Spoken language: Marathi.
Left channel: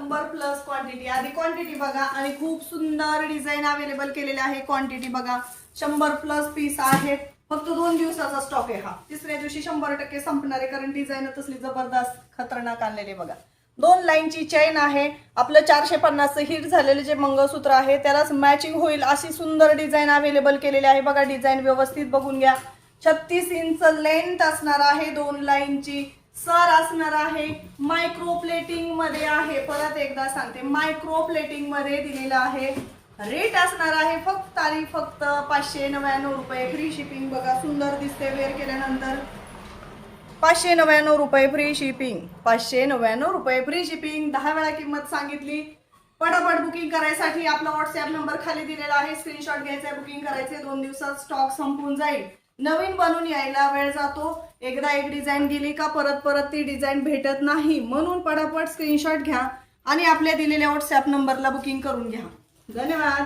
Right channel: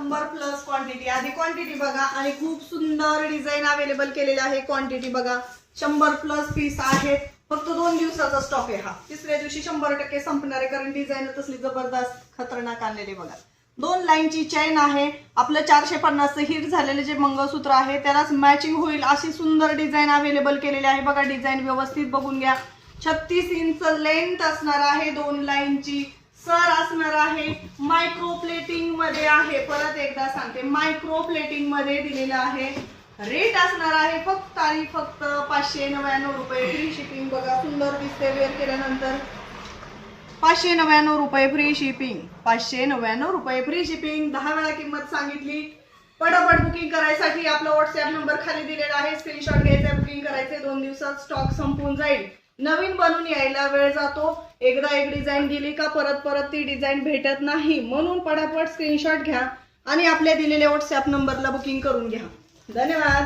100 प्लस क्वांटिटी। आधी क्वांटिटी बघा आणि खूप सुंदर डिझाईन अवेलेबल केलेले आहे। क्वांटिटी बघा 100 प्लस पीस आहेत। फक्त 2 दिवसाचा स्टॉक आहे हा। तिसऱ्या दिवशी 100% संपणार आहे, कारण डिझाईन तसली जबरदस्त खतरनाक आणलेली बघा। 2 लाईनची चेन आहे। आपलं 450 हिट झालेले जे मंगळसूत्र आहे त्यालाच मॅचिंग होईल अशी सुंदर डिझाईन अवेलेबल केलेली आहे बघा। डिझाईन व्यवस्थित बघून घ्या। 36 इंच लेंथ असणार आहे। 2 लाईनची सर असणार आहे। मायक्रो प्लेटिंग मध्ये आहे। परत एकदा सांगते, मायक्रो प्लेटिंग मध्ये दिलेलं आहे। रेट असणार आहे फक्त आणि फक्त 599 रुपये। फ्री शिपिंग बघा, सुंदर दिसते वेअर केल्यानंतर। 599 रुपये फ्री शिपिंग। 599 रुपये फ्री शिपिंग। 10 वेळा किंमत सांगितली। पटापट बुकिंग करायसाठी आपला व्हॉट्सअप नंबर खाली दिलेला आहे। स्क्रीनशॉट घ्यायचा, बुकिंग करायचे। 2 दिवसात स्टॉक संपून जाईल। नवीन बनून यायला वेळ जातो। एकदा एक डिझाईन दिली का परत परत ती डिझाईन भेटत नाही, म्हणून पटापट स्क्रीनशॉट घ्या आणि आपल्या दिलेल्या व्हॉट्सअप नंबरला बुकिंग करून घ्या। धन्यवाद।